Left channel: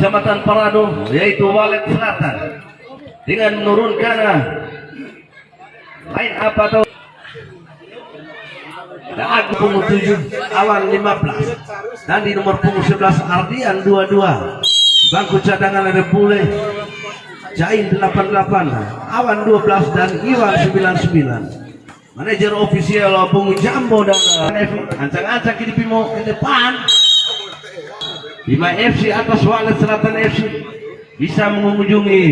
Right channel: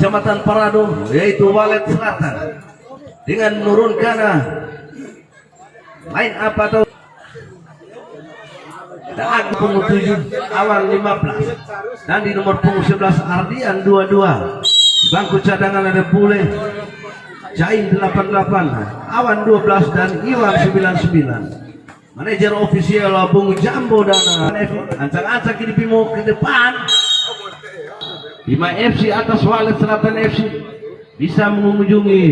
Kecamatan Parado, yaitu Walet Selatan, dengan menurunkan line up atau dan punggung 7 Awan 15, dan di nomor punggung 11 Ardian 22. Bangku cadangan ada Pule Jain 88, Awan 12, dan Iwan 99. Manajer ofisial Bung Jambo dan ancang-ancang kini Bimo ke depan. Bima FC atas Walet Selatan FC bisa mengunjungi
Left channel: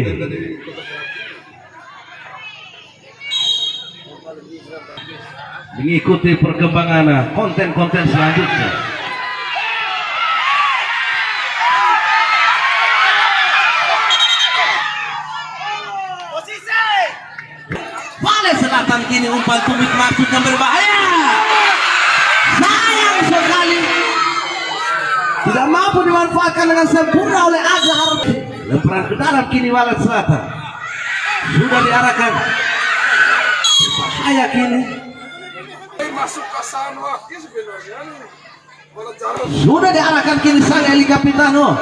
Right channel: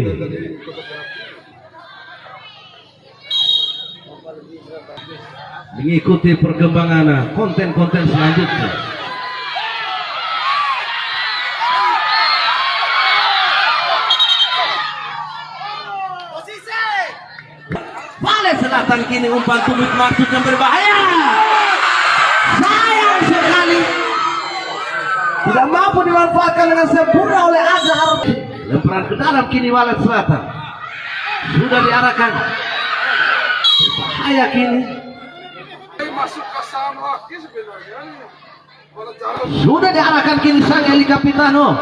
mengikuti perkembangan konten-konten selanjutnya. Walet Selatan kini umpan tumit maksud yang berbahaya. Sayang sekali tidak mampu dimanfaatkan dengan sempurna oleh Azhar. Lemparan ke dalam kini Walet Selatan sudah diarahkan. Bahaya kini. Sudah diarahkan kini sang Eli Capitano.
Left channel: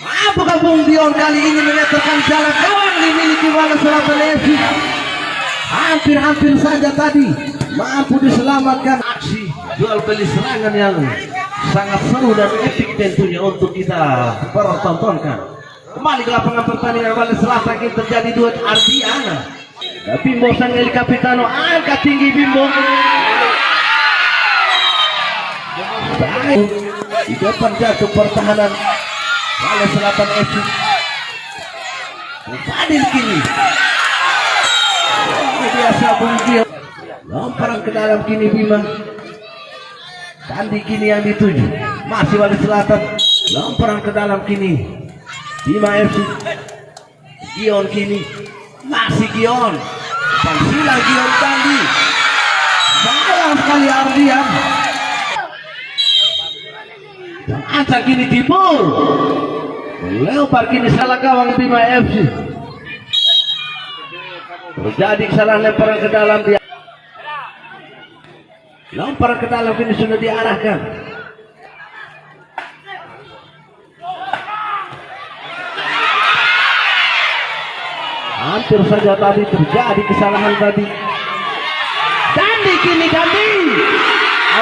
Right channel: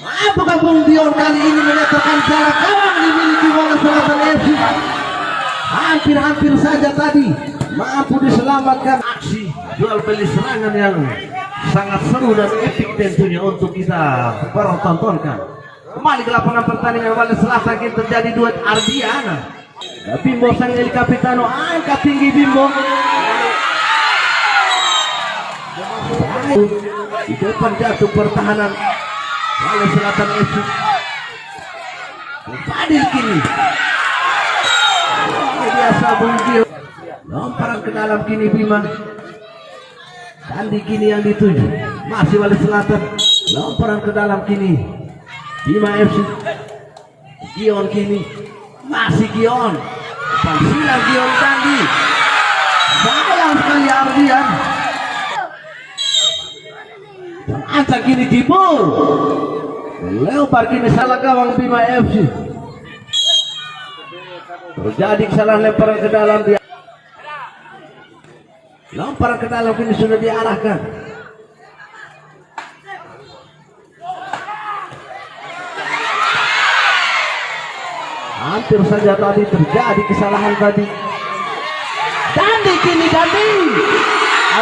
Mampukah Bung Dion kali ini menyatakan jalan kawan dimiliki Walet Selatan FC. Hampir saja tadi mampu diselamatkan. Aksi jual beli serangan yang sangat seru dan epik tentunya untuk kita pertontonkan. Kembali ke lapangan pertandingan Walet Selatan kini terjadi duet Ardiana. Bimbo sang Eli Capitano angkat tinggi Bimbo. Di depan jatuh pertahanan Walet Selatan FC. Fadil kini biasa Bung Dio. Lemparan ke dalam kini Bima. Sandi kini yang dituju. Masih Walet Selatan. Lemparan ke dalam kini Bima FC. Gion kini. Masih Gion. Pansila Gion Dandi. Sayang sekali Ardian. Dan acak kini Timur. Lempar kini salah gawang Bima FC. Terjadi kesalahan lemparan ke dalam dia. Lemparan ke dalam kini sudah diarahkan. Hampir saja tadi terjadi kesalahan tadi. Dandi kini Dandi.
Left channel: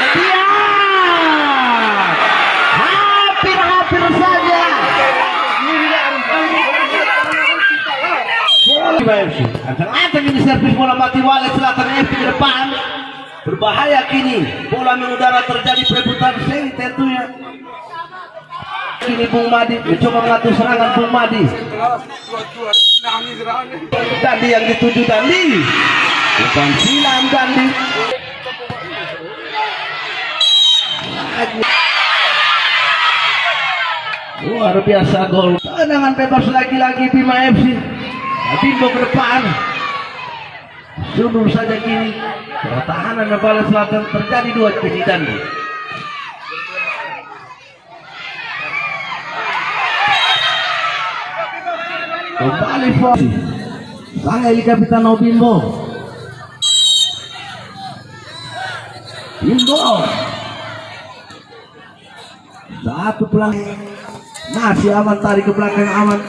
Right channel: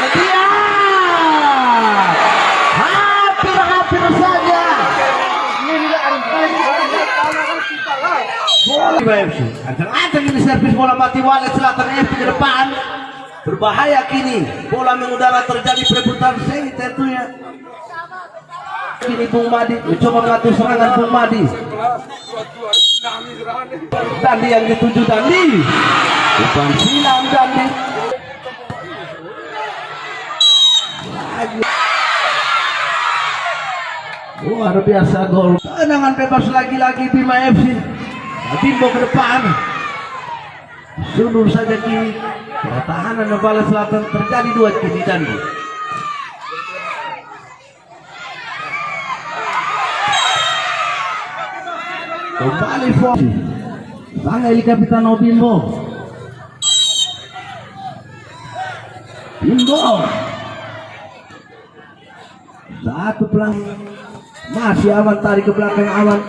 Ardian. Hampir saja. Bola FC. Ancang-ancang ini servis bola mati Walet Selatan FC ke depan. Berbahaya kini. Bola mengudara terjadi perebutan seng tentunya. Kini Bung Madi mencoba mengatur serangan Bung Madi. Dandi yang dituju Dandi. Bukan silam Dandi. Luar biasa gol. Tendangan bebas lagi-lagi Bima FC. Bimbo ke depan. Sundur saja kini. Pertahanan Walet Selatan terjadi dua kini Dandi. Kembali fokus. Sang Eli Capitano Bimbo. Bimbo. Satu pelang. Masih Aman tarik ke belakang Aman.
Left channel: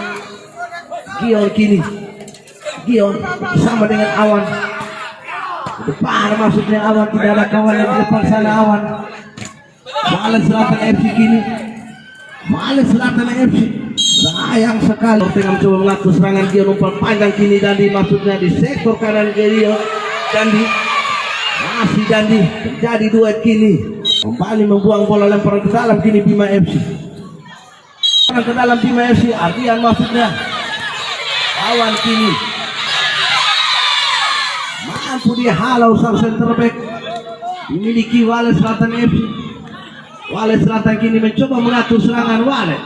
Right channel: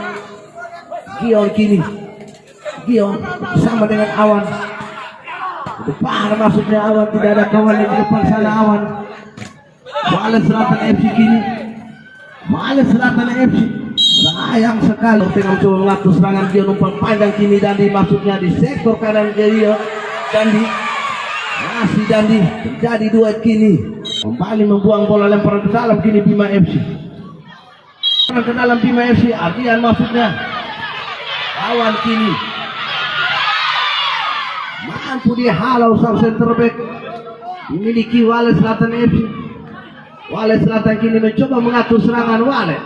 Gion kini. Gion sama dengan Awan. Depan maksudnya Awan, tidak ada kawan yang di depan sana Awan. Walet Selatan FC kini. Walet Selatan FC. Sayang sekali dengan coba mengatur serangan dia umpan panjang kini Dandi maksudnya di sektor kanan Gerio Dandi. Masih Dandi terjadi duet kini. Kembali membuang bola lemparan ke dalam kini Bima FC. Ke dalam Bima FC Ardian maksudnya. Awan kini mampu dihalau sang center back dimiliki Walet Selatan FC. Walet Selatan kini mencoba mengatur serangan Walet.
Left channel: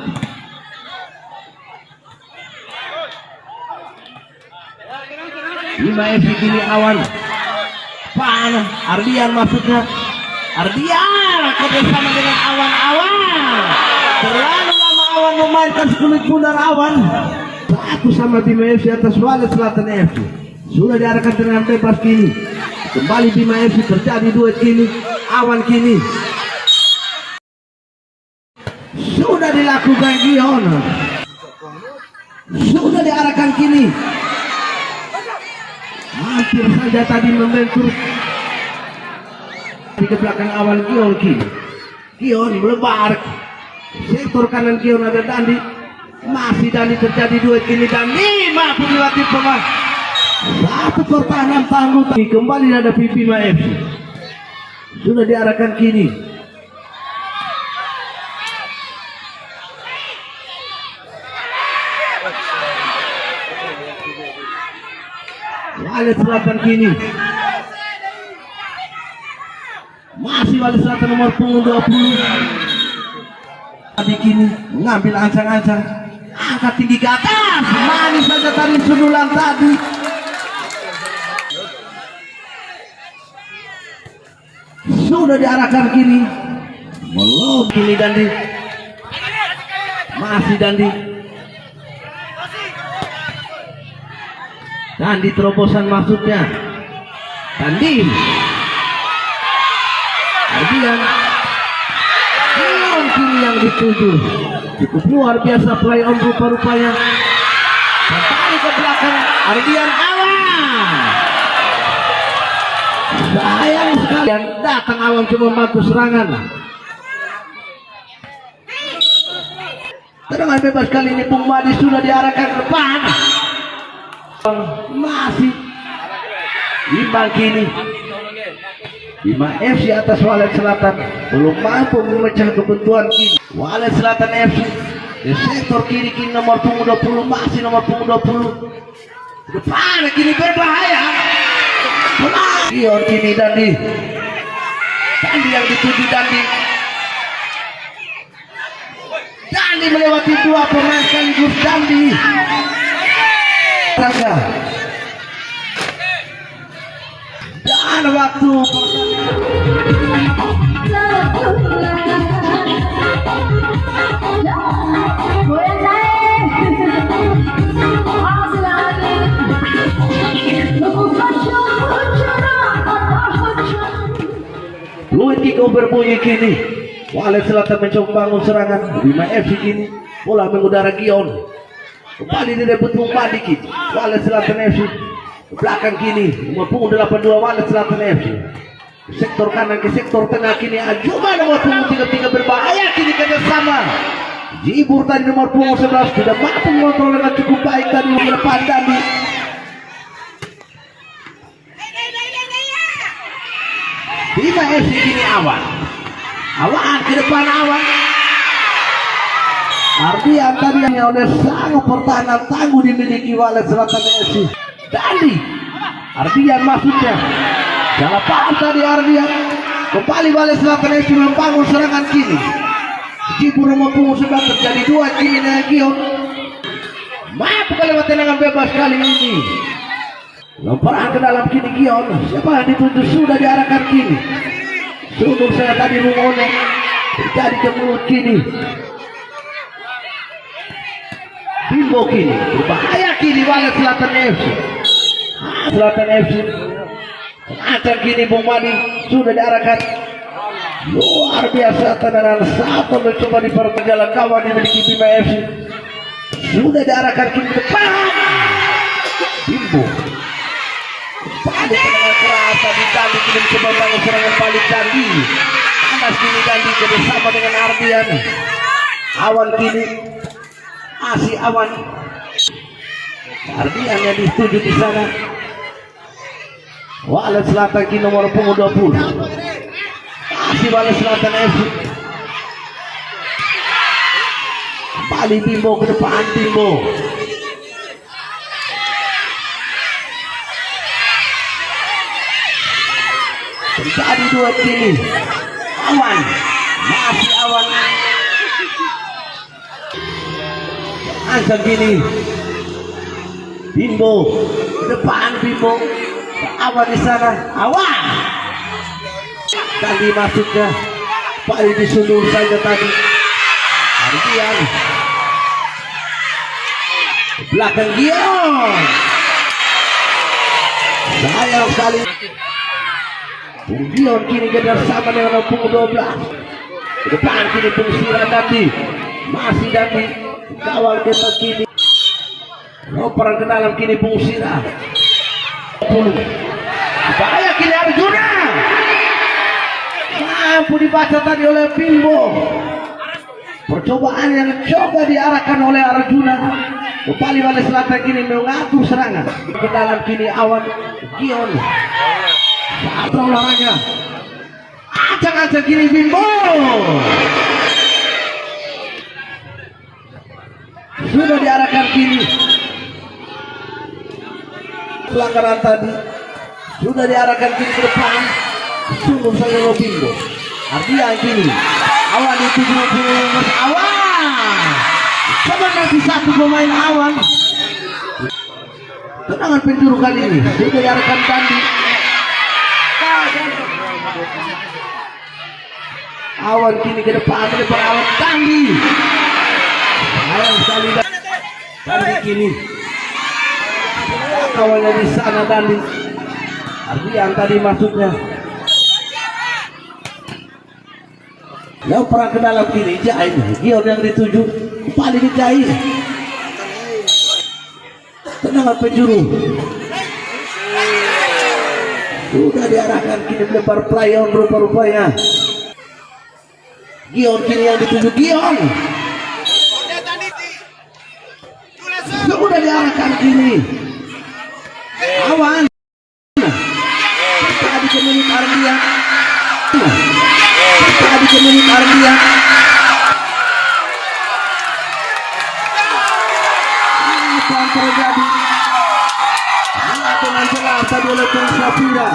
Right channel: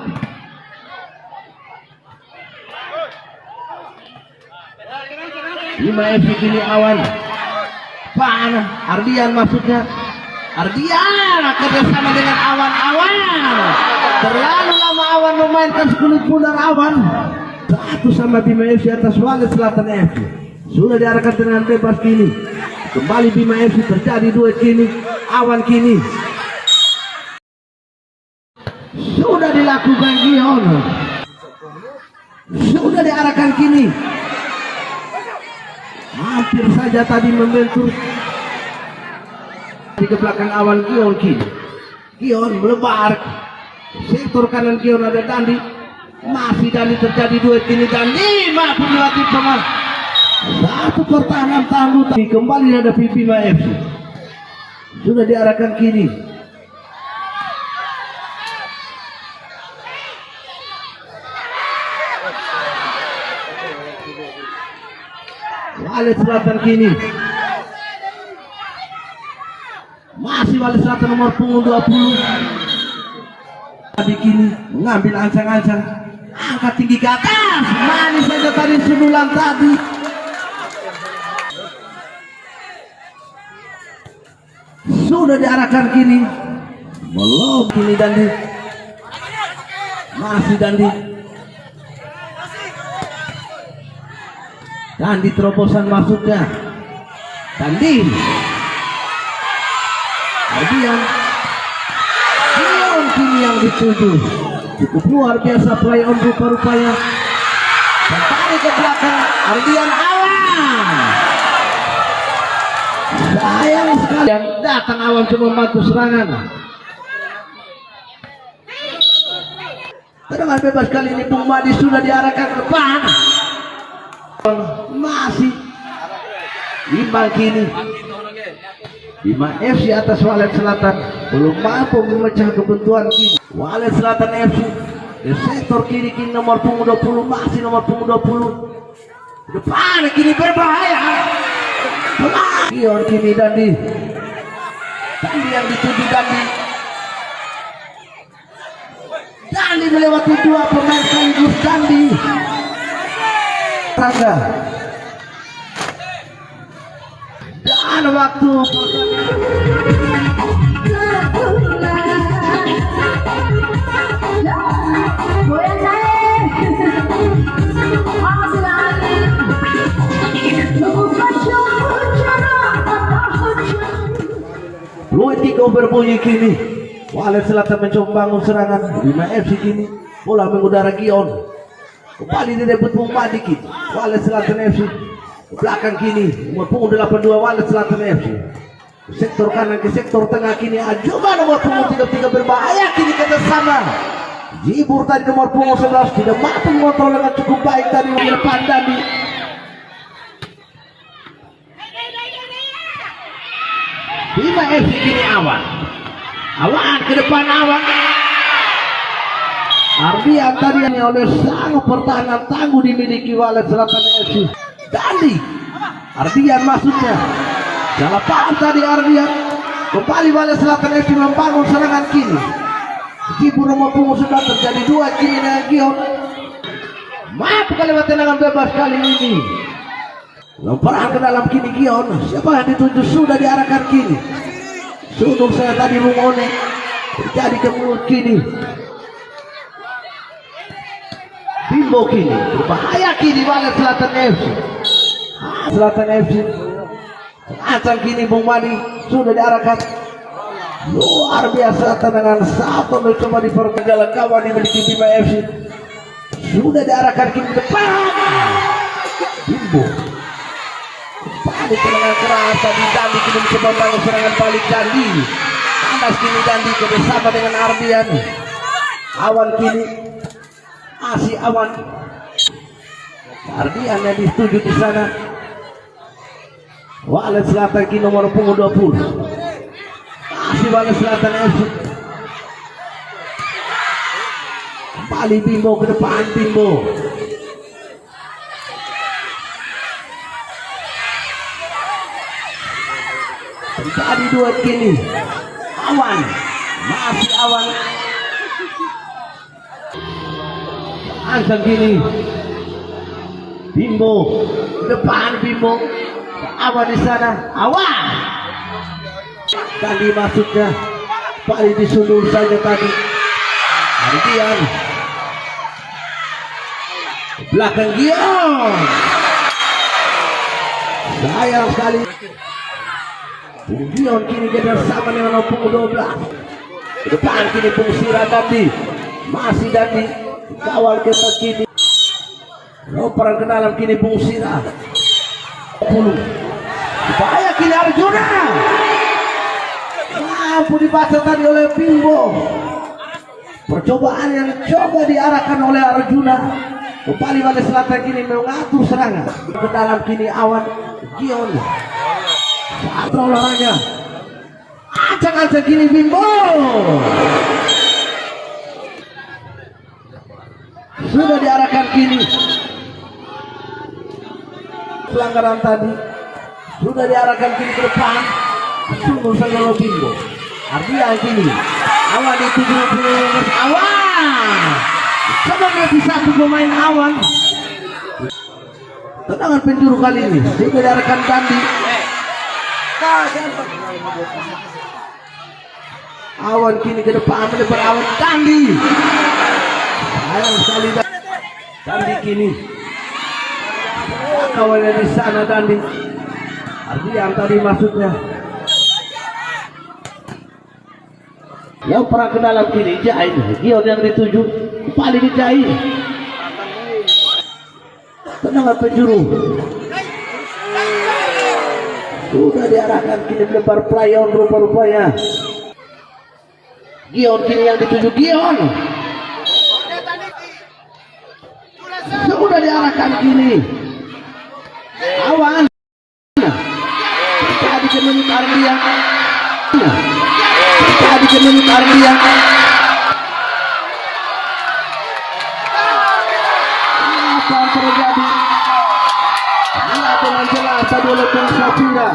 Bima FC kini Awan. Panah Ardian maksudnya. Ardian kerjasama dengan Awan. Terlalu lama Awan memainkan sekulit pundar Awan. Satu sama Bima FC atas Walet Selatan FC. Sudah diarahkan dengan bebas kini. Kembali Bima FC terjadi duet kini. Awan kini. dilakukan Gion. Sudah diarahkan kini. Hampir saja tadi membentur di ke belakang awal Gion kini. Gion melebar. Sektor kanan Gion ada Dandi. Masih Dandi terjadi duet kini Dandi mampu melatih pemain. Satu pertahanan tangguh kembali ada Bima FC. Sudah diarahkan kini. Walet Selatan kini. Masih Walet Selatan nomor punggung 20. Tadi kini mengambil ancang-ancang. Angkat tinggi ke atas. Manis saja tadi sundulan tadi. Sudah diarahkan kini. Belum kini Dandi. Masih Dandi. Dandi terobosan maksudnya. Dandi. Kemudian Gion kini yang dituju. Cukup luar biasa play on rupa-rupanya. Tarik ke belakang Ardian Awan. Sayang sekali yang datang Awan cuma membantu serangan. Tendangan bebas kali ini Bung Madi sudah diarahkan ke depan. Masih imbang kini. Bima FC atas Walet Selatan belum mampu memecah kebuntuan kini. Walet Selatan FC di sektor kiri kini nomor punggung 20 masih nomor punggung 20 depan kini berbahaya. Gion kini Dandi yang dituju Dandi melewati dua pemain sekaligus Dandi Tangga dan waktu Luit Kiko berbunyi kini. Walet Selatan mencoba bangun serangan. Bima FC kini bola mengudara Gion. Kembali direbut Bung Madi kini. Walet Selatan FC belakang kini nomor punggung 82 Walet Selatan FC. Sektor kanan ke sektor tengah kini Ajuma nomor punggung 33 berbahaya kini ke sana. Jibur tadi nomor punggung 11 sudah mampu mengontrol dengan cukup baik tadi di depan tadi. Bima FC kini Awan ke depan Awan. Ardian tadi yang oleh sangat pertahanan tangguh dimiliki Walet Selatan FC. Dandi Ardian maksudnya salah paham tadi Ardian. Kembali Walet Selatan FC membangun serangan kini. Jibur nomor punggung 11 terjadi dua kini dengan Gion. Mampu kali tendangan bebas kali ini. Lemparan ke dalam kini Gion. Siapa yang dituju sudah diarahkan kini. Sudung saya tadi Rumone terjadi ke mulut kini. Bimbo kini berbahaya kini Walet Selatan FC. Selatan FC ancam kini Bung Madi sudah diarahkan. Luar biasa tendangan satu mencoba di perjalanan kawan dimiliki Bima FC. Sudah diarahkan kini ke depan. Bimbo tadi tendangan keras tadi Dandi kini mencoba bangun serangan balik Dandi. Tambah kini Dandi kerjasama dengan Ardian. Awan kini masih Awan. Ardian yang dituju di sana. Walet Selatan kini nomor punggung 20. Masih Walet Selatan FC. Kembali Bimbo ke depan Bimbo. Terjadi dua kini. Awan masih Awan. Ancam kini Bimbo depan Bimbo. Awan di sana. Awan tadi maksudnya paling disundul saja tadi. Ardian belakang Gion. Sayang sekali Bung Gion kini kerjasama dengan punggung 12. Ke depan kini Bung Sira Dandi. Masih Dandi kawal ketat kini. Lomparan ke dalam kini Bung Sira. 10. Bahaya kini Arjuna. Mampu dibaca tadi oleh Bimbo. Percobaan yang coba diarahkan oleh Arjuna. Kembali Walet Selatan kini mengatur serangan. Ke dalam kini Awan Gion. Saat olahraga. Acak-acak kini Bimbo. Sudah diarahkan kini. Pelanggaran tadi sudah diarahkan kini ke depan. Sungguh saja oleh Bimbo. Artinya kini Awan dituju kini Awan. Coba nanti satu pemain Awan. Tendangan penjuru kali ini sudah diarahkan Dandi. Awan kini ke depan melebar Awan Dandi. Sayang sekali Dandi kini. Kawannya di sana Dandi. Artinya tadi maksudnya. Yang pernah ke dalam kiri Jahit Gion yang dituju kembali di Jahit. Tendangan penjuru sudah diarahkan kini melebar playon rupa-rupanya. Gion kini yang dituju Gion. Sudah diarahkan kini Awan. Tadi kemenit Ardian. Tadi kemenit Ardian. Apa yang terjadi? Lihat dengan jelas tadi oleh Bung Safira.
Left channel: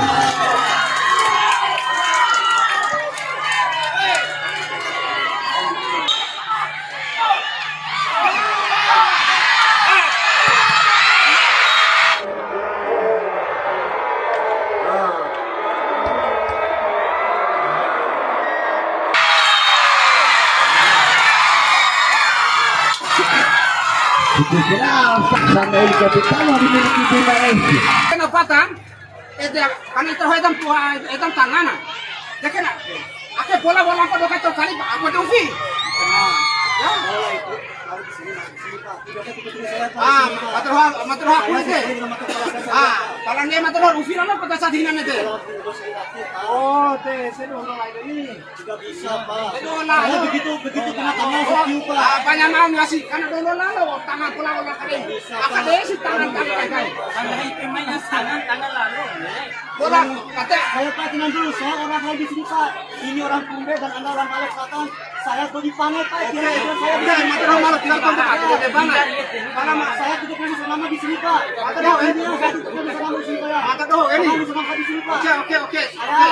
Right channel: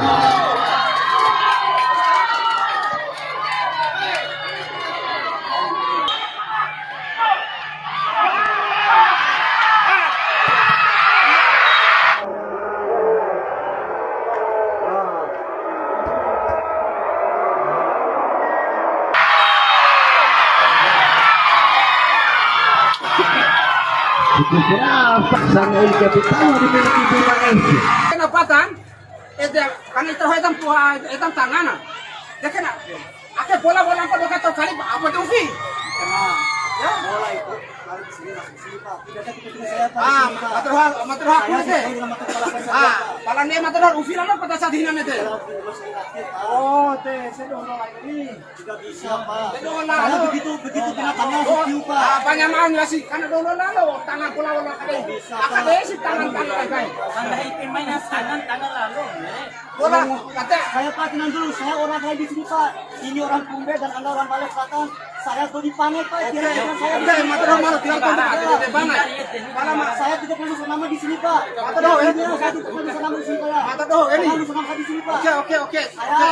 Kenapa tan? Kan itu hitam tua hitam tangan. Ya kena. Ake bola apa doka tuh kali apa tuh Vi? Ya bola itu harus di sini Pak. Tidak saya matroha aku deh. Palang dia matroha Ufi lama pada saat ini nanti. Oh, teh saya dola ini juga bisa Pak. Saya begitu kena tangan siu Pak. Banyak nanya sih karena dola lalu tangan bola kali. Akade sih tangan kan. Tangan pemain tangan lalu. Bola kata saya Pak tenang dulu. Saya orang saya di sini Pak. Ini orang Tumbe dan Anda orang Walet Selatan. Saya tuh dipanai Pak. Kira-kira saya malah tidak kontak di mana? Saya tidak pernah selama di sini Pak. Matroh ini satu pun selama di sini Pak. Matroh ini selama di sini Pak. Oke.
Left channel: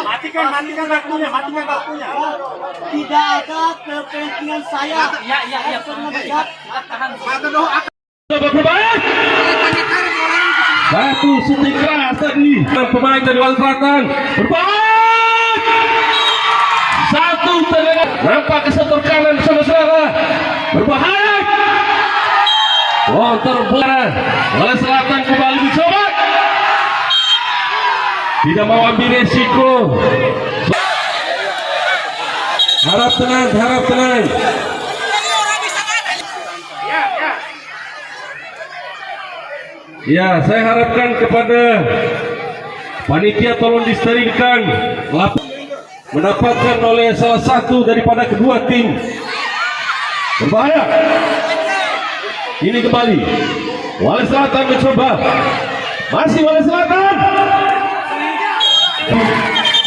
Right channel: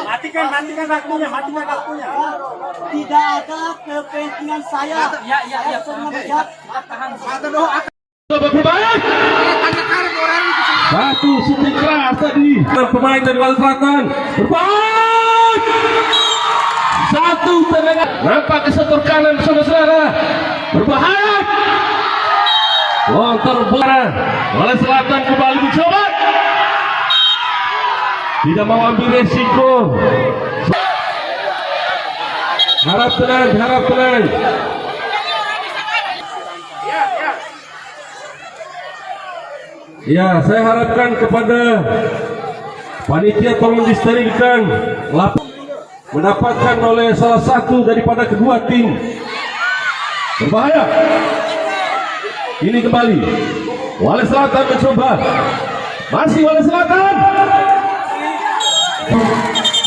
Matikan waktunya. Tidak ada kepentingan saya. Ya. Saya melihat Matroh satu shooting keras tadi pemain dari Walet Selatan berbahaya. Satu tendangan nampak kesetor kanan saudara berbahaya. Terbuara Walet Selatan kembali mencoba. Tidak mau ambil resiko. Harap tenang. Ya, saya harapkan kepada panitia tolong disterilkan mendapatkan oleh salah satu daripada kedua tim. Berbahaya. Ini kembali Walet Selatan mencoba. Masih Walet Selatan.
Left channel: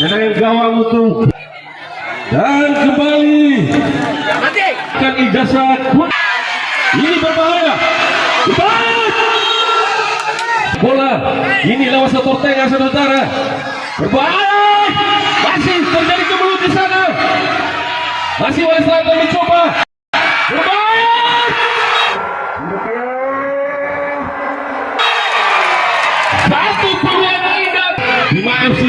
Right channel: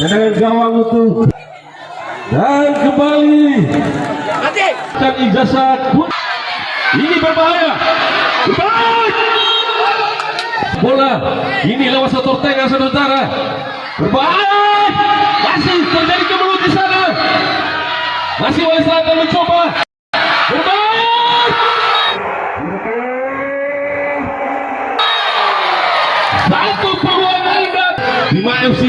Tendangan gawang utuh. Dan kembali kan ijazah. Ini berbahaya. Bola ini lewat setor tengah saudara. Berbahaya. Masih terjadi kemelut di sana. Masih Walet Selatan mencoba. Berbahaya. Satu peluang indah. Bima FC.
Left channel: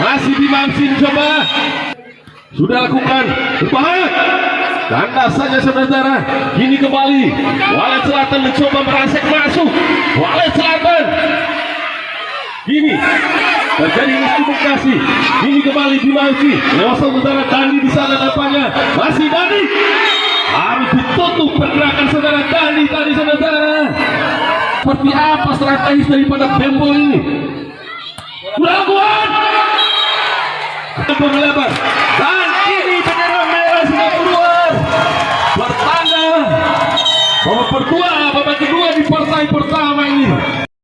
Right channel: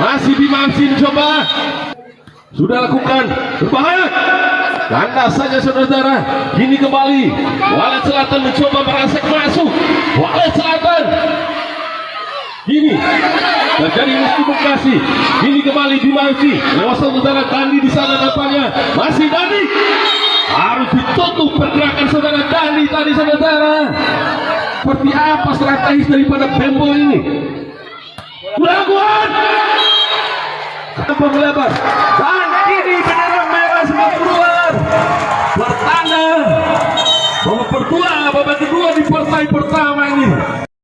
Masih Bima FC mencoba. Sudah lakukan. Berbahaya. Kandas saja saudara. Ini kembali Walet Selatan mencoba merangsek masuk. Walet Selatan. Ini terjadi miskomunikasi. Ini kembali Bima FC. Lewat saudara Dandi di sana nampaknya. Masih Dandi. Harus ditutup pergerakan saudara tadi saudara. Seperti apa strategis daripada Bembo ini? Lakukan melebar dan ini bendera merah sudah keluar bertanda babak kedua di partai pertama ini.